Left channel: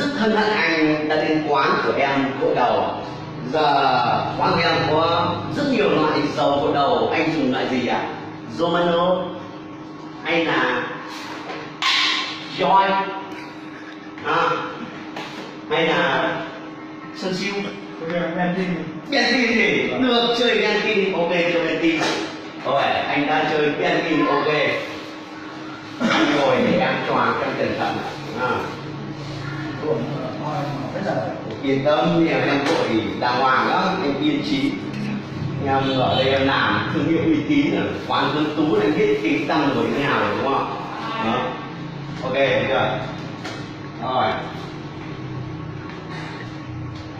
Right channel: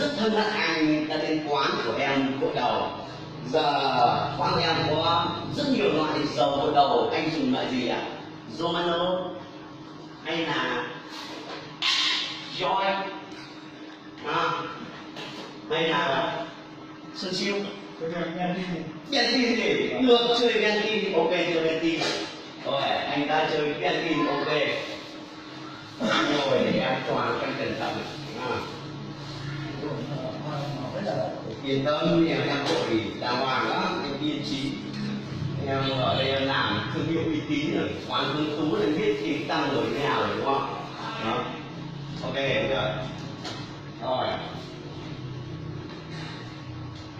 Rất hân hạnh anh đã đến quán của em gội đầu. Giờ quán của em có rất nhiều loại dầu gội đầu. Anh dùng loại gì ạ? Romano hay là Joy hay là Sơn Siêu? Bentin thì được, chơi Bentin, ok, chơi Bentin. Rồi anh đã chơi Bentin, ok. Rồi thì em choàng cho cẩn thận. Yên tâm, em vội đàng hoàng lắm, em yên trí. Em ở đây em làm thương hiệu uy tín rồi, quán Tuấn Tú là biết tiếng tăm rồi thế nào rồi đúng không? Đó. Ok, rồi. Rồi.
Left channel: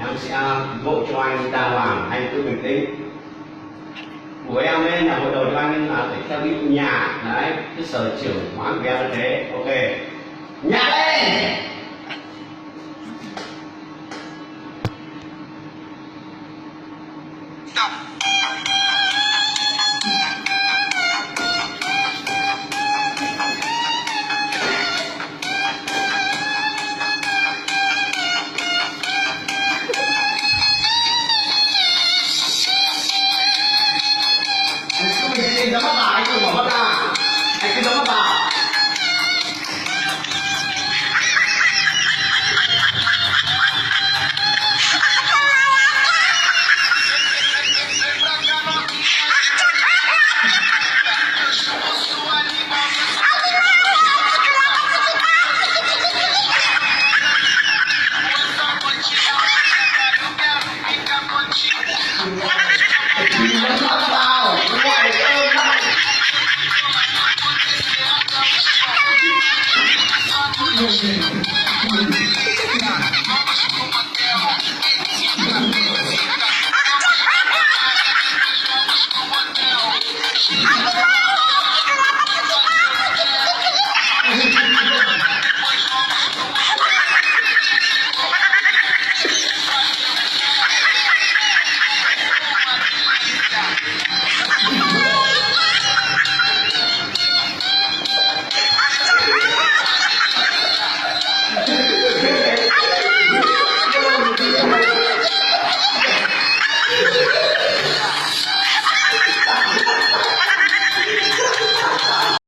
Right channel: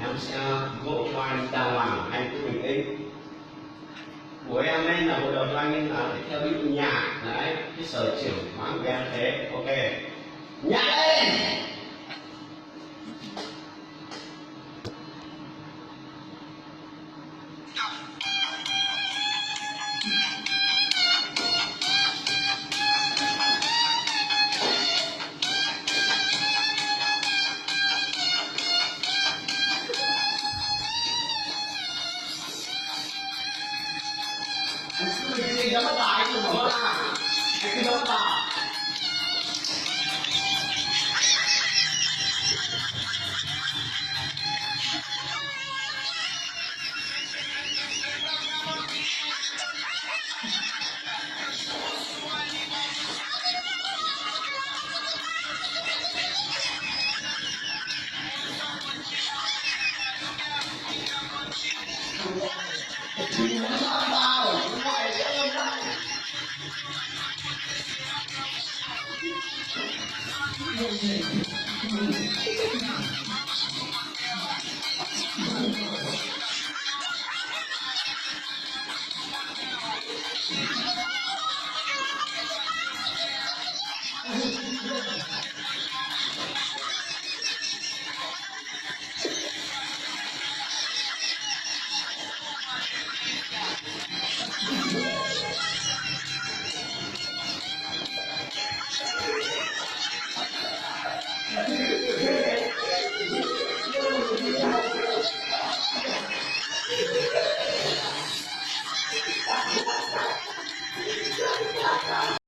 Em sẽ gội cho anh đàng hoàng, anh cứ bình tĩnh. Của em ấy là hội đầu cho anh là phải theo ví dụ nhạc, đấy, cái sở trường quán của em là thế, ok. Nhạc lên! Anh nhắm mắt vào, anh đừng mở mắt ra. Anh cứ nhắm mắt vào. Nhắm mắt vào, ngoài ơi.